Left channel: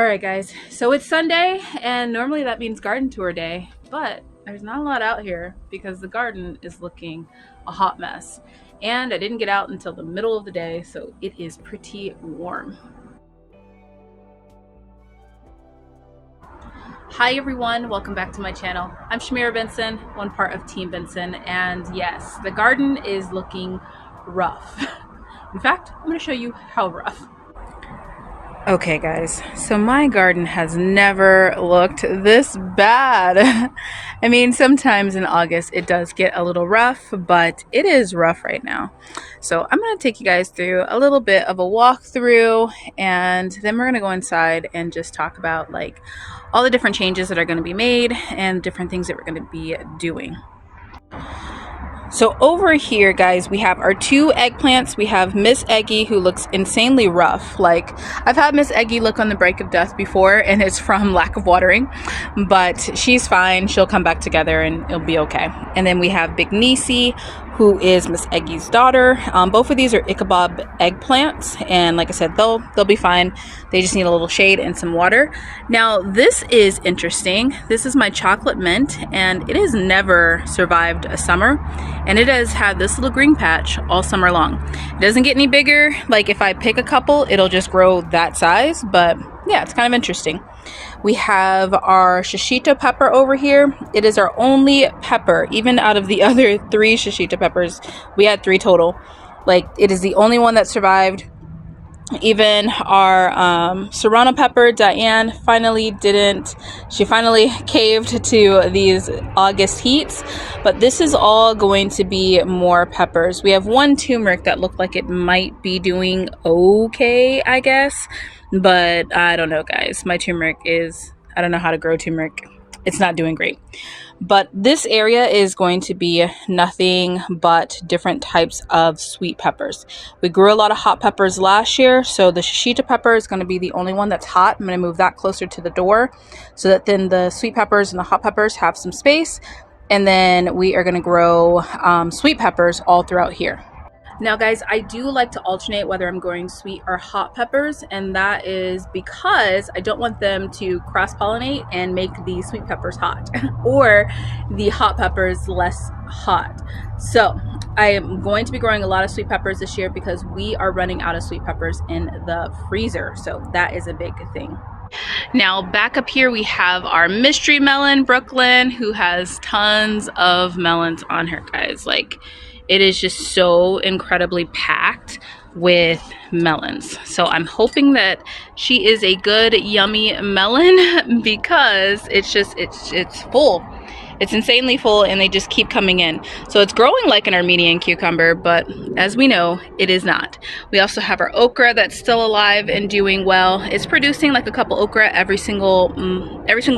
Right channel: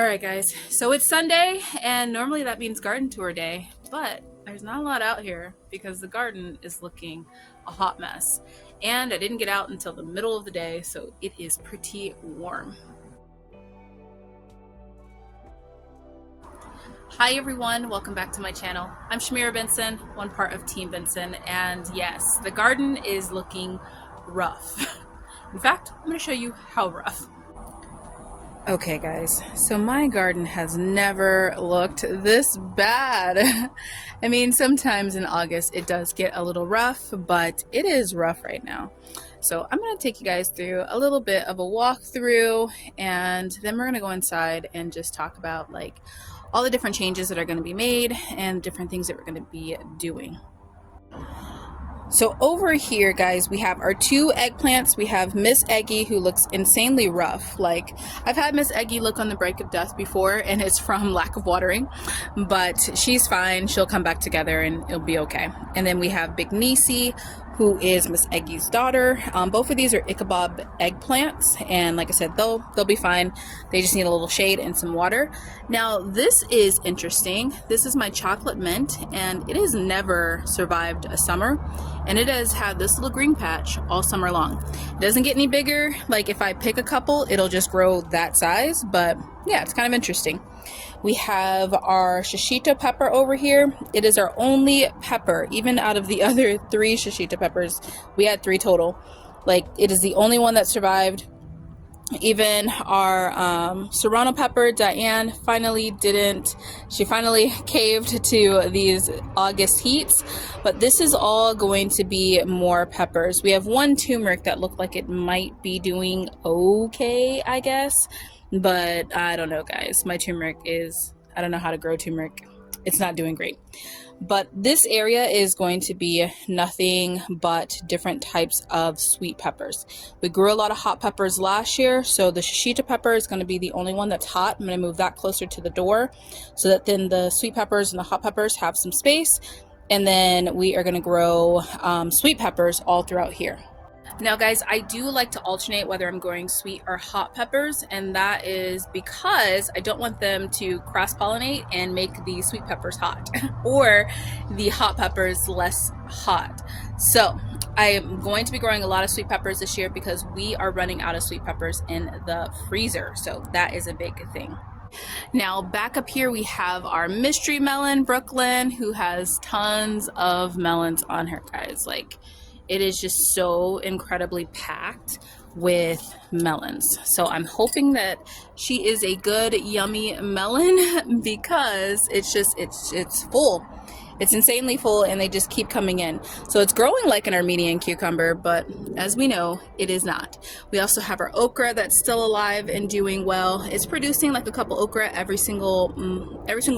All right, guys, so it's Sunday, and normally that means garden tour day, but there's not a lot out here because the garden is looking a hot mess. And I didn't get out until the middle of the day, so it is pretty warm. Hi everyone, welcome back to my channel. I'm Shamira Benson, one part of Team Benson, and yes, the garden is looking rough. In fact, I'm going to show you how rough. Okay guys, so my garden has never looked this bad. I mean, sometimes in August it does get a little rough, but it is rough right now. So I'm going to take you guys through a little bit of a walkthrough, and then we're going to go inside and just talk about like all the different changes that are going to be made and different things that we're going to be doing. So over here, guys, we have our two eggplants. We have Miss Eggy, who looks insanely rough. Like, I've had Miss Eggy look on the break of death before, and it's from lack of watering, but she's fine. She'll come back together and it'll be okay. And then we have Big Niecy, who is Miss Eggy's daughter. Both of these are Ichabod eggplants, and like I said, they'll be fine. They just need a little shade and some water. Now, this is interesting. This is my chocolate mint, and it has never survived a summer, and it has had this little green patch all summer long. It doesn't get any bigger. Like, if I pick a couple, it'll just grow that size, but yeah, it's kind of interesting. We have our shishito pepper over here. It is our only pepper, even out of the other 3 shishito peppers. We had 3 total. Like, it is the only one that survived. Even our serrano pepper, Diane finally didn't. She finally caved to these August heats. But this is all going to be more peppers. We have one turmeric that looked like it might be doing okay, I guess. But I don't know, guys. My turmeric is, I don't know how to grow turmeric. It's not doing great. But this area is going to be nothing but different types of sweet peppers. We grew a lot of hot peppers last year, so the shishito pepper is going to be the only one that's hot. I'm going to move that closer to the door so that then the sweet peppers and the hot peppers have some space. And then we are going to grow sweet peppers all throughout here. Now guys, I do like to alternate whether I'm growing sweet or hot peppers, and that is because I don't want them to cross-pollinate and make the sweet peppers hot or the hot peppers less hot. So I am going to be growing a lot of sweet peppers this year because we are running out of sweet peppers in the freezer. So that is a big thing. Now back up here we have our mystery melon, Brooklyn, who has tons of melons on her, guys. Like, it is just so incredibly packed with melons. So I'm hoping that she is a good, yummy melon because it's full. It's insanely full, and they just keep coming in. So it's growing like an Armenian cucumber, but as we know, it is not. We also have our okra that's still alive and doing well. It's producing like a couple okra every single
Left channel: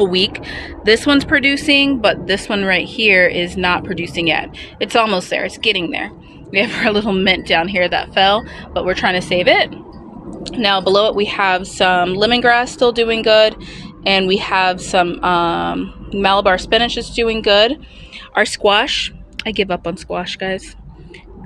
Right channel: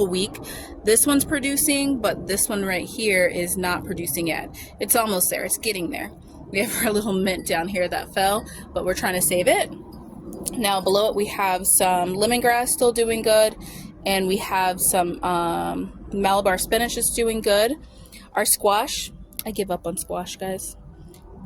week. This one's producing, but this one right here is not producing yet. It's almost there. It's getting there. We have our little mint down here that fell, but we're trying to save it. Now below it we have some lemongrass still doing good, and we have some Malabar spinach is doing good. Our squash, I give up on squash, guys.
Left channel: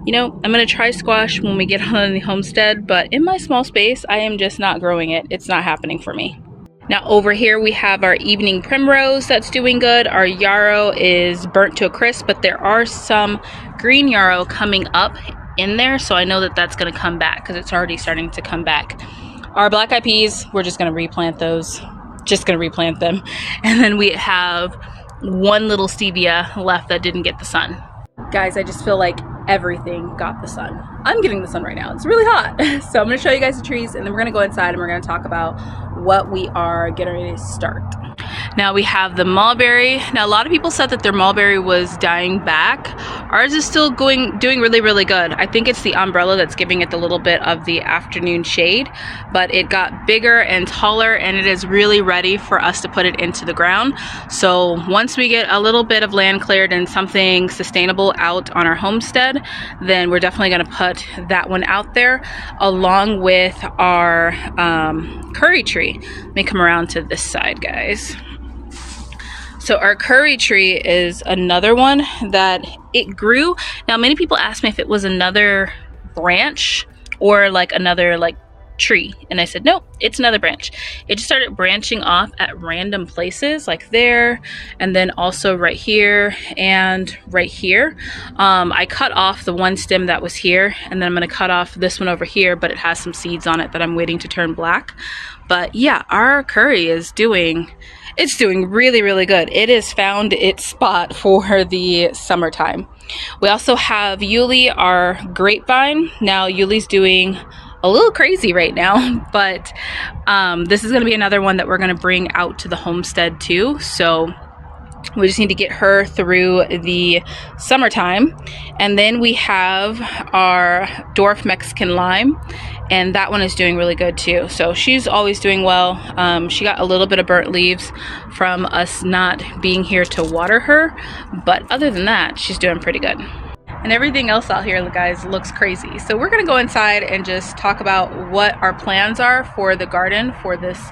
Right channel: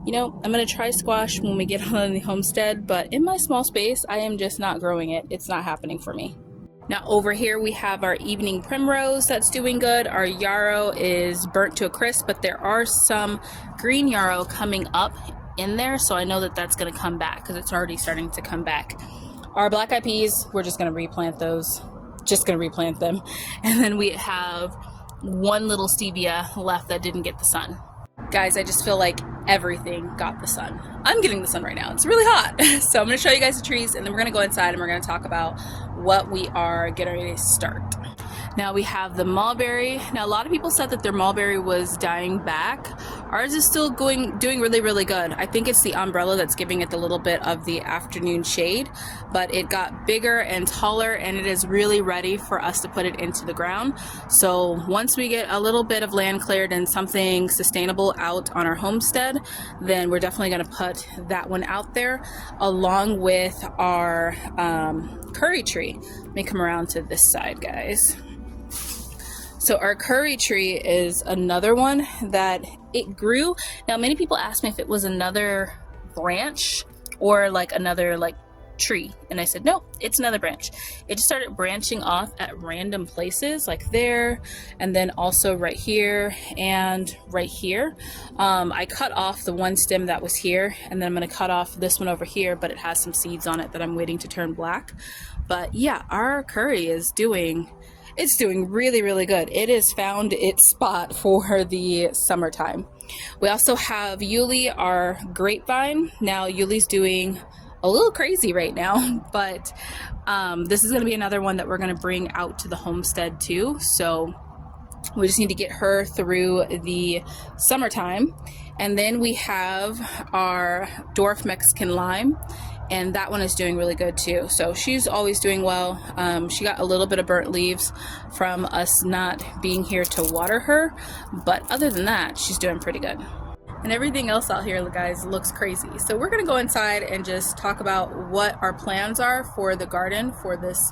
You know, I'm gonna try squash when we get on the homestead, but in my small space, I am just not growing it. It's not happening for me. Now over here we have our evening primrose that's doing good. Our yarrow is burnt to a crisp, but there are some green yarrow coming up in there, so I know that that's gonna come back because it's already starting to come back. Our black eyed peas, we're just gonna replant those. Just gonna replant them. And then we have one little stevia left that didn't get the sun. Guys, I just feel like everything got the sun. I'm getting the sun right now. It's really hot. So I'm gonna show you guys the trees, and then we're gonna go inside and we're gonna talk about what we are getting ready to start. Now we have the mulberry. Now a lot of people said that their mulberry was dying back. Ours is still doing really, really good. I think it's the umbrella that's giving it the little bit of the afternoon shade, but it got bigger and taller, and it is really ready for us to put it into the ground. So once we get a little bit of land cleared and something sustainable out on our homestead, then we're definitely gonna put that one out there along with our curry tree. Let me come around to this side, guys. So our curry tree is another one that it grew. Now many people ask me if it was another branch or like another like tree. And I said, no, it's another branch. It just started branching off at random places, like there, and then also right here and right here. I cut off the one stem that was here, and then I'm gonna cut off this one over here, but it has some seeds on it that I'm waiting to turn black. But yeah, our curry is doing really, really good. It has found its spot for the summertime. We also have Yuli, our grapevine. Now Yuli's doing a little crazy right now, but this is going to be another one that we're going to bring out to the homestead too. So we just need to get her through the summertime. And then we have our dwarf Mexican lime, and that one is doing really good too. So she's always doing well. She got a little bit of burnt leaves from us not being here to water her, but other than that, she's doing pretty good. And everything else out here, guys, looks crazy. So we're gonna go inside and just talk about what our plans are for the garden for this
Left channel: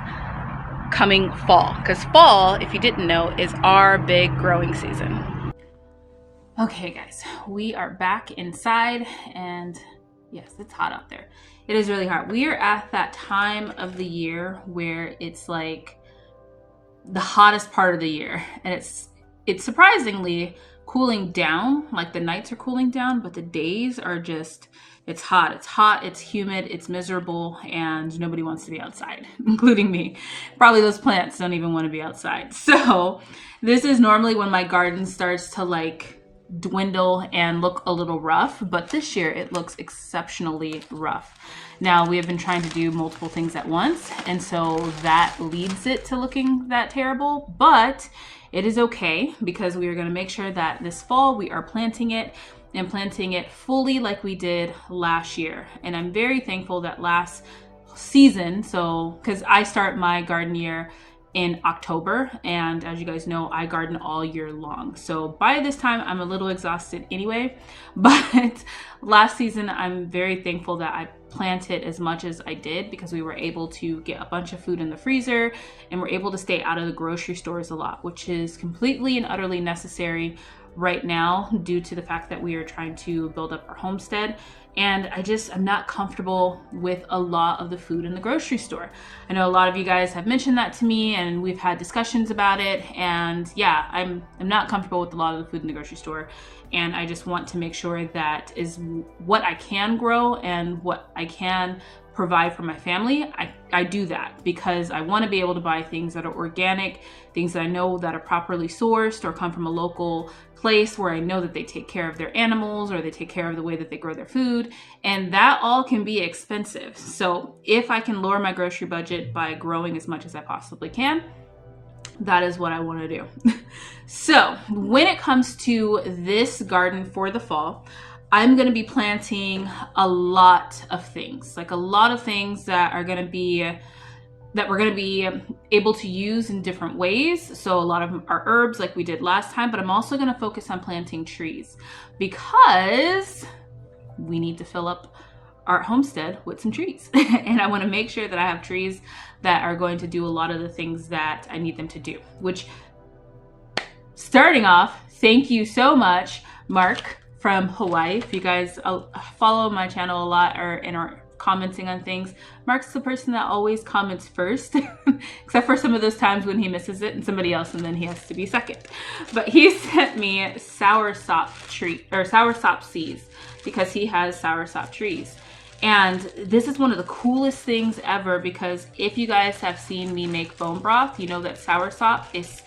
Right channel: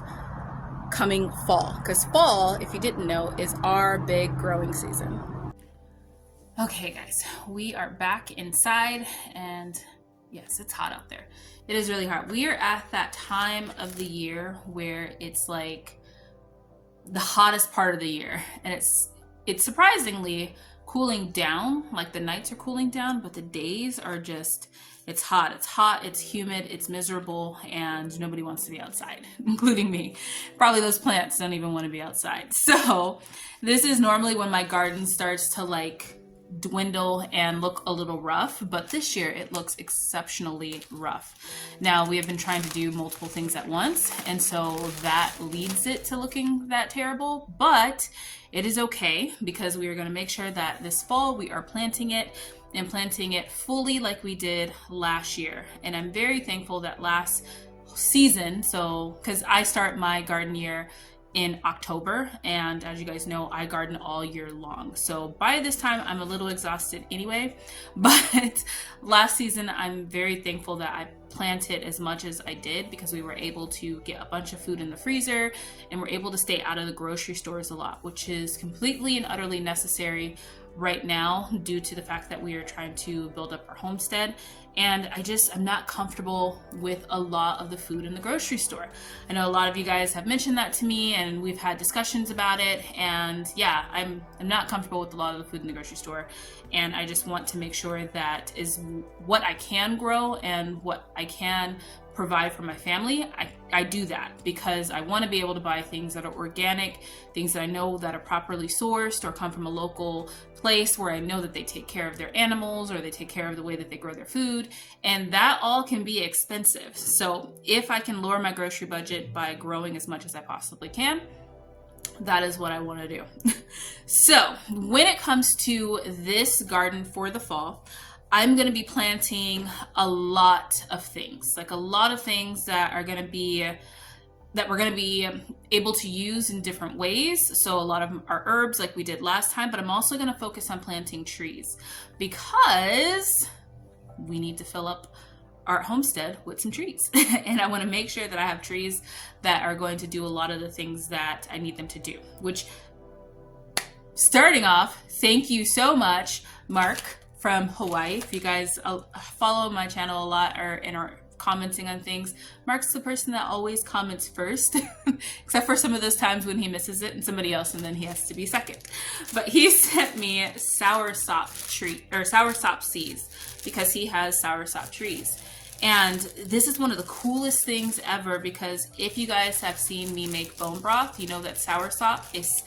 coming fall. Because fall, if you didn't know, is our big growing season. Okay guys, we are back inside, and yes, it's hot out there. It is really hot. We are at that time of the year where it's like the hottest part of the year, and it's surprisingly cooling down. Like the nights are cooling down, but the days are just, it's hot, it's humid, it's miserable, and nobody wants to be outside, including me. Probably those plants don't even want to be outside. So this is normally when my garden starts to like dwindle and look a little rough, but this year it looks exceptionally rough. Now we have been trying to do multiple things at once, and so that leads it to looking that terrible, but it is okay because we are going to make sure that this fall we are planting it and planting it fully like we did last year. And I'm very thankful that last season, so because I start my garden year in October, and as you guys know, I garden all year long. So by this time I'm a little exhausted anyway, but last season I'm very thankful that I planted as much as I did because we were able to get a bunch of food in the freezer and we're able to stay out of the grocery stores a lot, which is completely and utterly necessary right now due to the fact that we are trying to build up our homestead. And I'm not comfortable with a lot of the food in the grocery store. I know a lot of you guys have mentioned that to me and we've had discussions about it. And yeah, I'm not comfortable with a lot of the food in the grocery store. And I just want to make sure that is what I can grow and what I can provide for my family. I do that because I want to be able to buy things that are organic, things that I know that are properly sourced or come from a local place where I know that they take care of their animals or they take care of the way that they grow their food, and that all can be expensive. So if I can lower my grocery budget by growing as much as I possibly can, that is what I want to do. So when it comes to this garden for the fall, I'm going to be planting a lot of things, like a lot of things that we're going to be able to use in different ways. So a lot of them are herbs like we did last time, but I'm also going to focus on planting trees because we need to fill up our homestead with some trees. And I want to make sure that I have trees that are going to do a lot of the things that I need them to do, which, starting off, thank you so much, Mark from Hawaii. If you guys follow my channel a lot and are commenting on things, Mark's the person that always comments first, except for some of those times when he misses it and somebody else, and then he has to be second. But he sent me soursop seeds because he has soursop trees. And this is one of the coolest things ever because if you guys have seen me make bone broth, you know that soursop is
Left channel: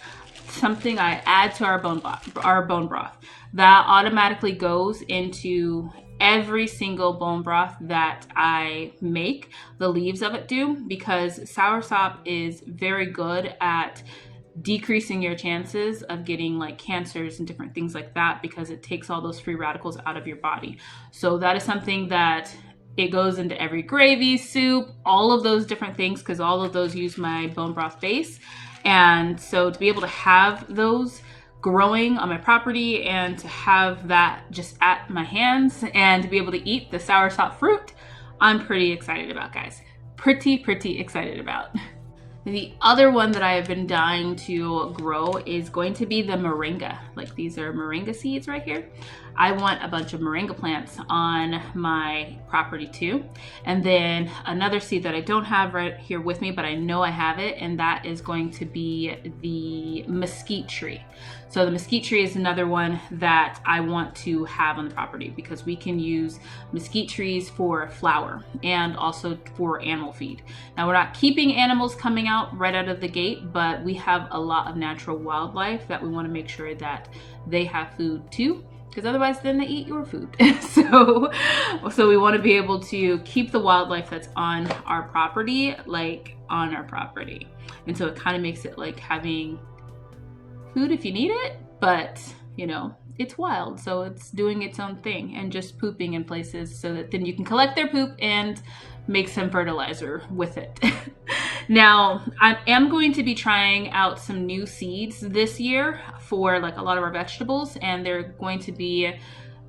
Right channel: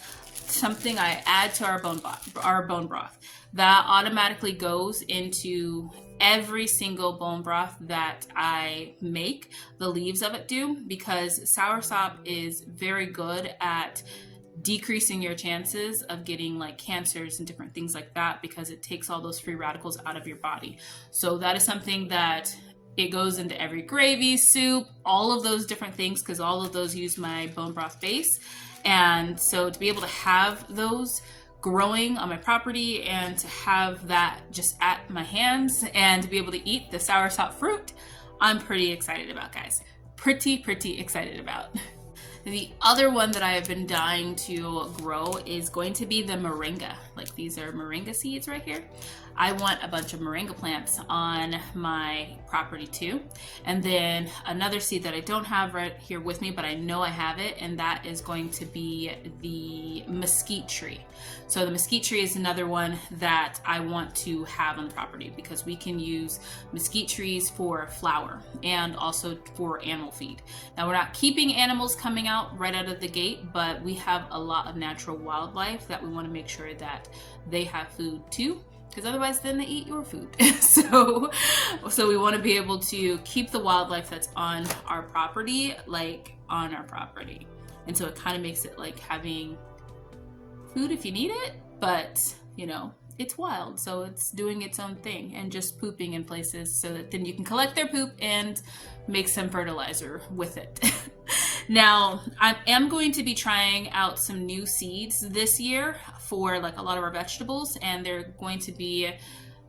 something I add to our bone broth. That automatically goes into every single bone broth that I make. The leaves of it do, because soursop is very good at decreasing your chances of getting like cancers and different things like that because it takes all those free radicals out of your body. So that is something that it goes into every gravy, soup, all of those different things because all of those use my bone broth base. And so to be able to have those growing on my property and to have that just at my hands and to be able to eat the soursop fruit, I'm pretty excited about, guys. Pretty excited about. The other one that I have been dying to grow is going to be the moringa. Like these are moringa seeds right here. I want a bunch of moringa plants on my property too. And then another seed that I don't have right here with me, but I know I have it, and that is going to be the mesquite tree. So the mesquite tree is another one that I want to have on the property because we can use mesquite trees for flour and also for animal feed. Now we're not keeping animals coming out right out of the gate, but we have a lot of natural wildlife that we want to make sure that they have food too, because otherwise then they eat your food. so we want to be able to keep the wildlife that's on our property, like on our property. And so it kind of makes it like having food if you need it, but you know, it's wild, so it's doing its own thing and just pooping in places so that then you can collect their poop and make some fertilizer with it. Now, I am going to be trying out some new seeds this year for like a lot of our vegetables, and they're going to be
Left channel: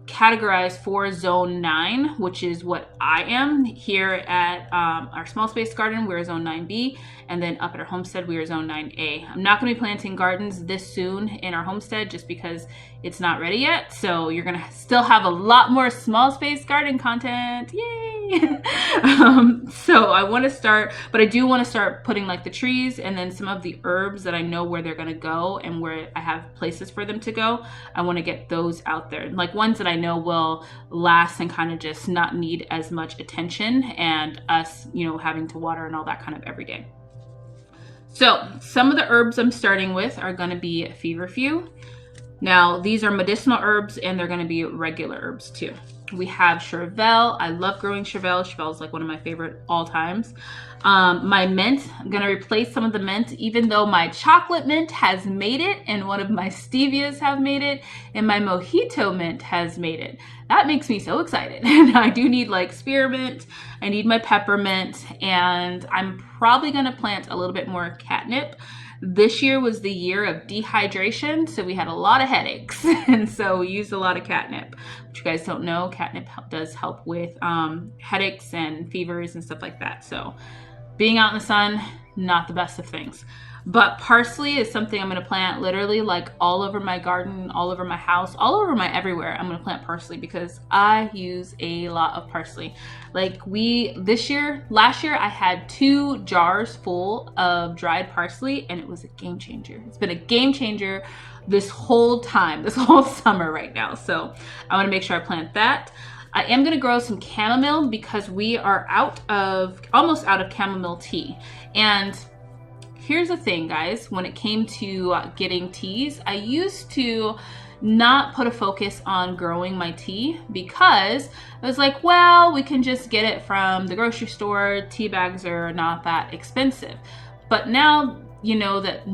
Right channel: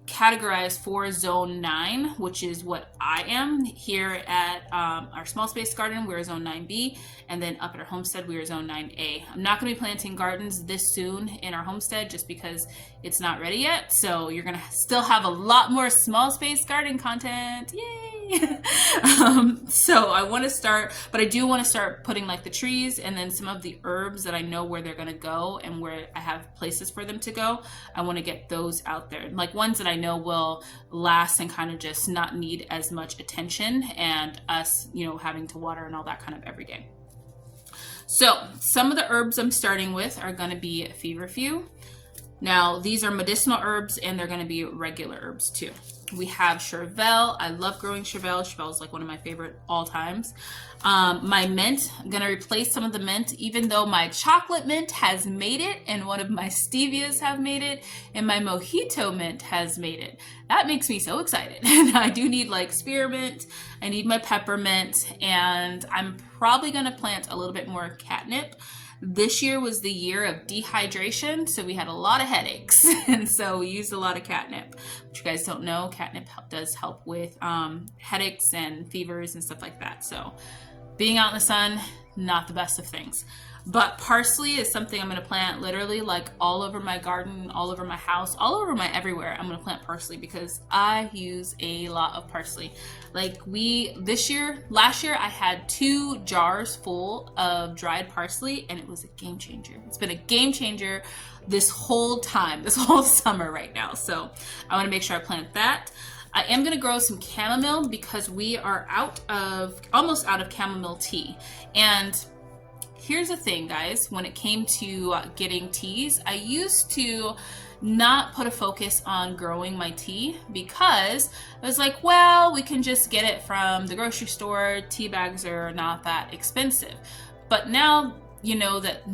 categorized for zone 9, which is what I am. Here at our small space garden, we're zone 9B, and then up at our homestead, we are zone 9A. I'm not going to be planting gardens this soon in our homestead just because it's not ready yet. So you're going to still have a lot more small space garden content. Yay! So I want to start, but I do want to start putting like the trees and then some of the herbs that I know where they're going to go and where I have places for them to go. I want to get those out there, like ones that I know will last and kind of just not need as much attention and us, you know, having to water and all that kind of every day. So some of the herbs I'm starting with are going to be feverfew. Now these are medicinal herbs and they're going to be regular herbs too. We have chervil. I love growing chervil. Chervil is like one of my favorite all times. My mint, I'm going to replace some of the mint, even though my chocolate mint has made it and one of my stevias have made it and my mojito mint has made it. That makes me so excited. And I do need like spearmint. I need my peppermint, and I'm probably going to plant a little bit more catnip. This year was the year of dehydration, so we had a lot of headaches, and so we used a lot of catnip. Which you guys don't know, catnip does help with headaches and fevers and stuff like that. So being out in the sun, not the best of things. But parsley is something I'm going to plant literally like all over my garden, all over my house, all over my everywhere. I'm going to plant parsley because I use a lot of parsley. Like last year I had 2 jars full of dried parsley, and it was a game changer. It's been a game changer this whole time, this whole summer right now. So I want to make sure I plant that. I am going to grow some chamomile because we are almost out of chamomile tea. And here's the thing, guys, when it came to getting teas, I used to not put a focus on growing my tea because I was like, well, we can just get it from the grocery store. Tea bags are not that expensive. But now, you know that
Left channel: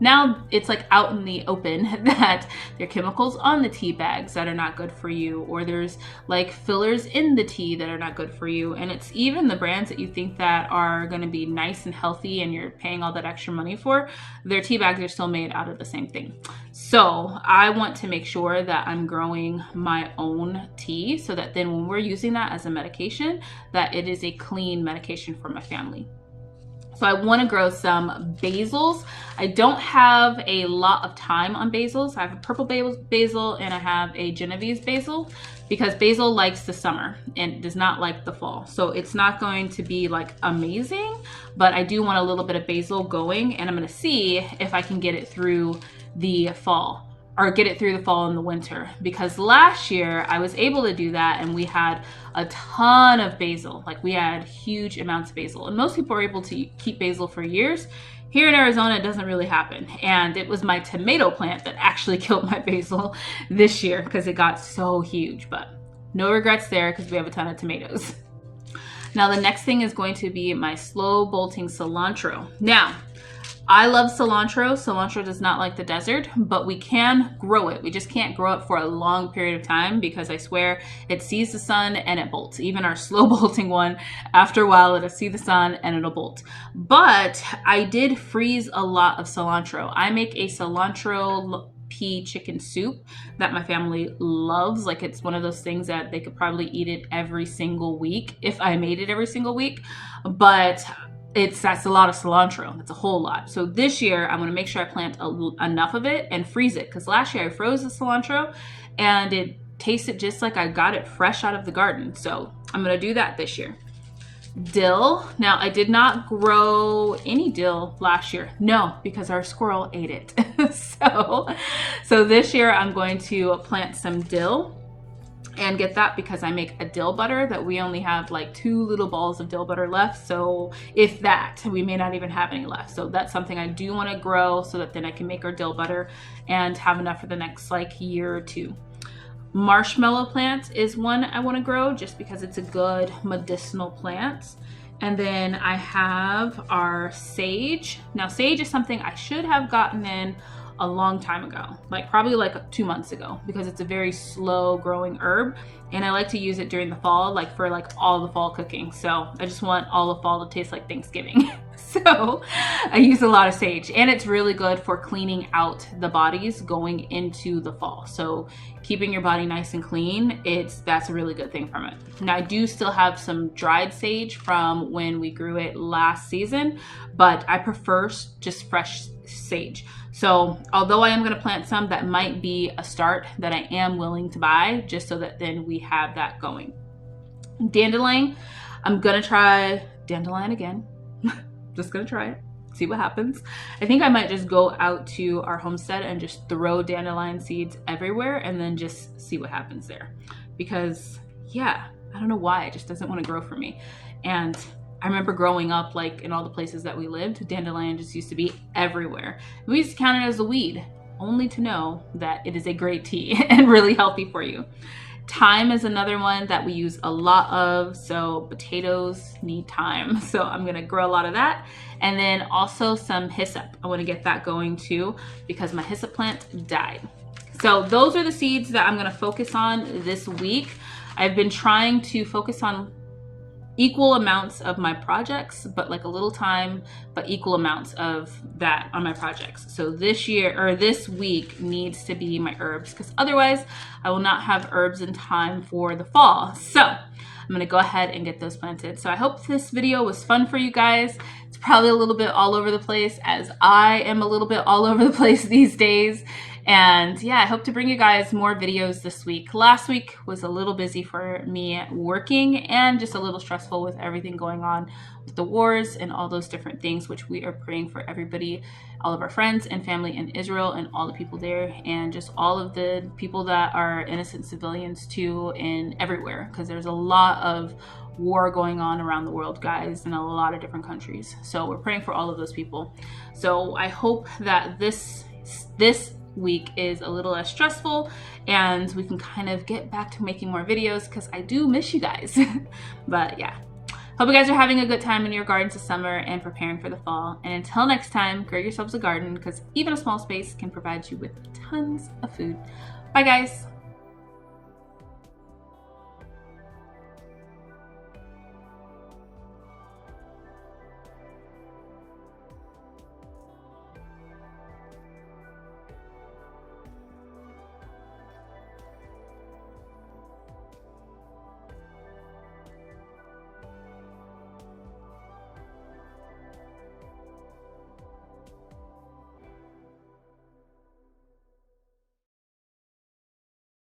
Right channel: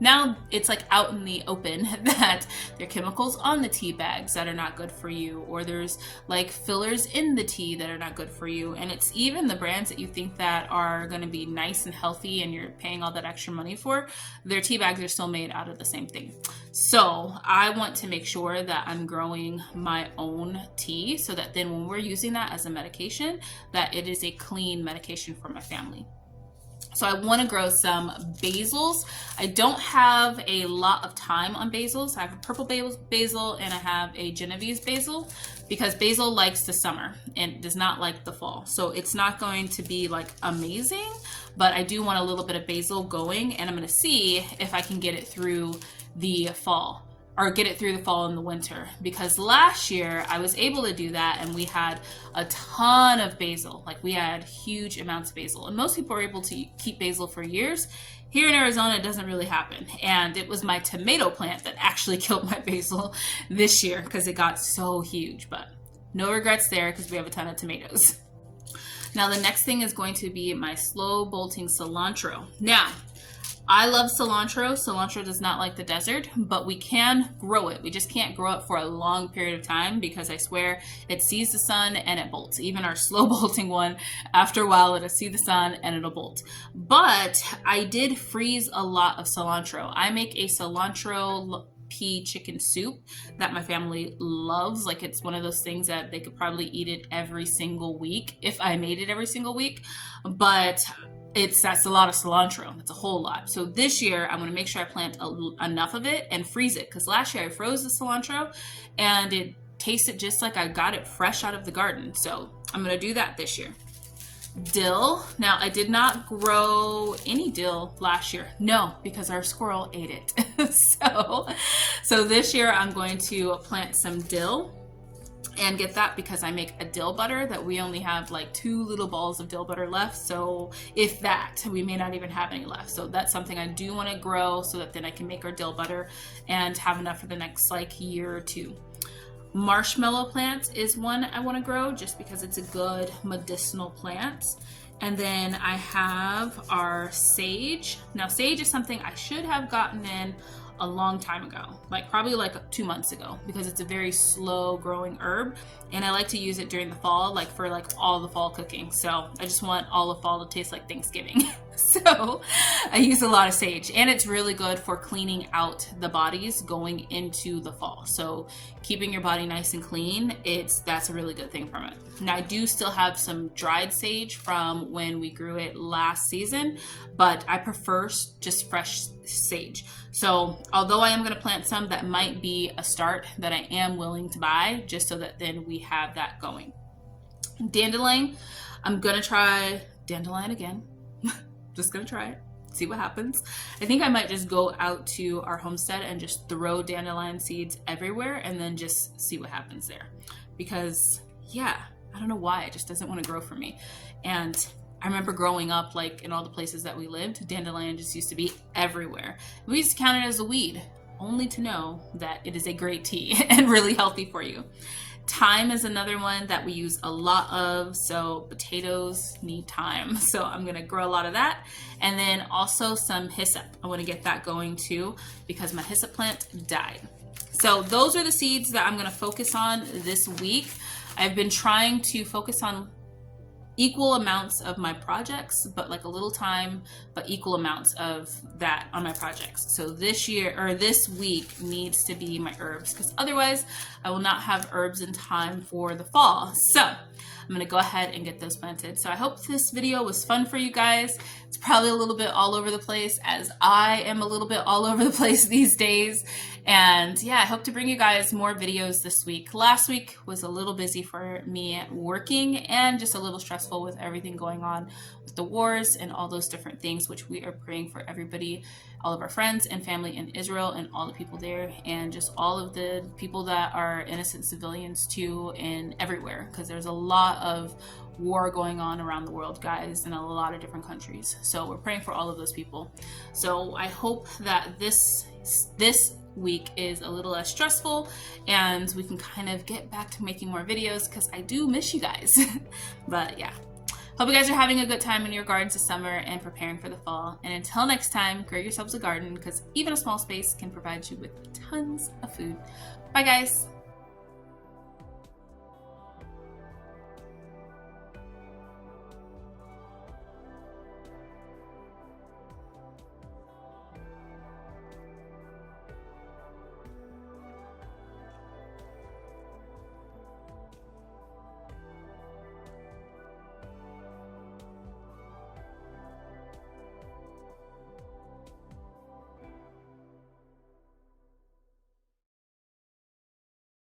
now it's like out in the open that there are chemicals on the tea bags that are not good for you, or there's like fillers in the tea that are not good for you. And it's even the brands that you think that are going to be nice and healthy and you're paying all that extra money for, their tea bags are still made out of the same thing. So I want to make sure that I'm growing my own tea so that then when we're using that as a medication, that it is a clean medication for my family. So I want to grow some basils. I don't have a lot of time on basils. I have a purple basil and I have a Genovese basil because basil likes the summer and does not like the fall. So it's not going to be like amazing, but I do want a little bit of basil going, and I'm going to see if I can get it through the fall. Or get it through the fall and the winter, because last year I was able to do that and we had a ton of basil. Like we had huge amounts of basil, and most people are able to keep basil for years. Here in Arizona, it doesn't really happen. And it was my tomato plant that actually killed my basil this year because it got so huge, but no regrets there because we have a ton of tomatoes. Now the next thing is going to be my slow bolting cilantro. Now, I love cilantro. Cilantro does not like the desert, but we can grow it. We just can't grow it for a long period of time because I swear it sees the sun and it bolts. Even our slow bolting one, after a while it'll see the sun and it'll bolt. But I did freeze a lot of cilantro. I make a cilantro pea chicken soup that my family loves. Like it's one of those things that they could probably eat it every single week if I made it every single week. But that's a lot of cilantro. That's a whole lot. So this year I'm going to make sure I plant enough of it and freeze it, because last year I froze the cilantro and it tasted just like I got it fresh out of the garden. So I'm going to do that this year. Dill. Now, I did not grow any dill last year. No, because our squirrel ate it. So this year I'm going to plant some dill and get that, because I make a dill butter that we only have like 2 little balls of dill butter left. So if that, we may not even have any left. So that's something I do want to grow, so that then I can make our dill butter and have enough for the next like year or 2. Marshmallow plant is one I want to grow, just because it's a good medicinal plant. And then I have our sage. Now, sage is something I should have gotten in a long time ago, like probably like 2 months ago, because it's a very slow growing herb and I like to use it during the fall, like for like all the fall cooking. So I just want all of fall to taste like Thanksgiving. So I use a lot of sage, and it's really good for cleaning out the bodies going into the fall. So keeping your body nice and clean, that's a really good thing from it. Now, I do still have some dried sage from when we grew it last season, but I prefer just fresh sage. So although I am going to plant some, that might be a start that I am willing to buy, just so that then we have that going. Dandelion, I'm going to try dandelion again. Just going to try it, see what happens. I think I might just go out to our homestead and just throw dandelion seeds everywhere and then just see what happens there. Because yeah, I don't know why, it just doesn't want to grow for me. And I remember growing up, like in all the places that we lived, dandelion just used to be everywhere. We used to count it as a weed, only to know that it is a great tea and really healthy for you. Thyme is another one that we use a lot of. So potatoes need thyme. So I'm going to grow a lot of that. And then also some hyssop. I want to get that going too, because my hyssop plant died. So those are the seeds that I'm going to focus on this week. I've been trying to focus on equal amounts of my projects, but like a little time, but equal amounts of that on my projects. So this week needs to be my herbs, because otherwise I will not have herbs in time for the fall. So I'm gonna go ahead and get those planted. So I hope this video was fun for you guys. It's probably a little bit all over the place, as I am a little bit all over the place these days. And yeah, I hope to bring you guys more videos this week. Last week was a little busy for me working, and just a little stressful with everything going on with the wars and all those different things, which we are praying for everybody, all of our friends and family in Israel and all the people there, and just all of the people that are innocent civilians too, and everywhere, because there's a lot of war going on around the world, guys, in a lot of different countries. So we're praying for all of those people. So I hope that this week is a little less stressful and we can kind of get back to making more videos, because I do miss you guys. But yeah, hope you guys are having a good time in your gardens this summer and preparing for the fall. And until next time, grow yourselves a garden, because even a small space can provide you with tons of food. Bye guys.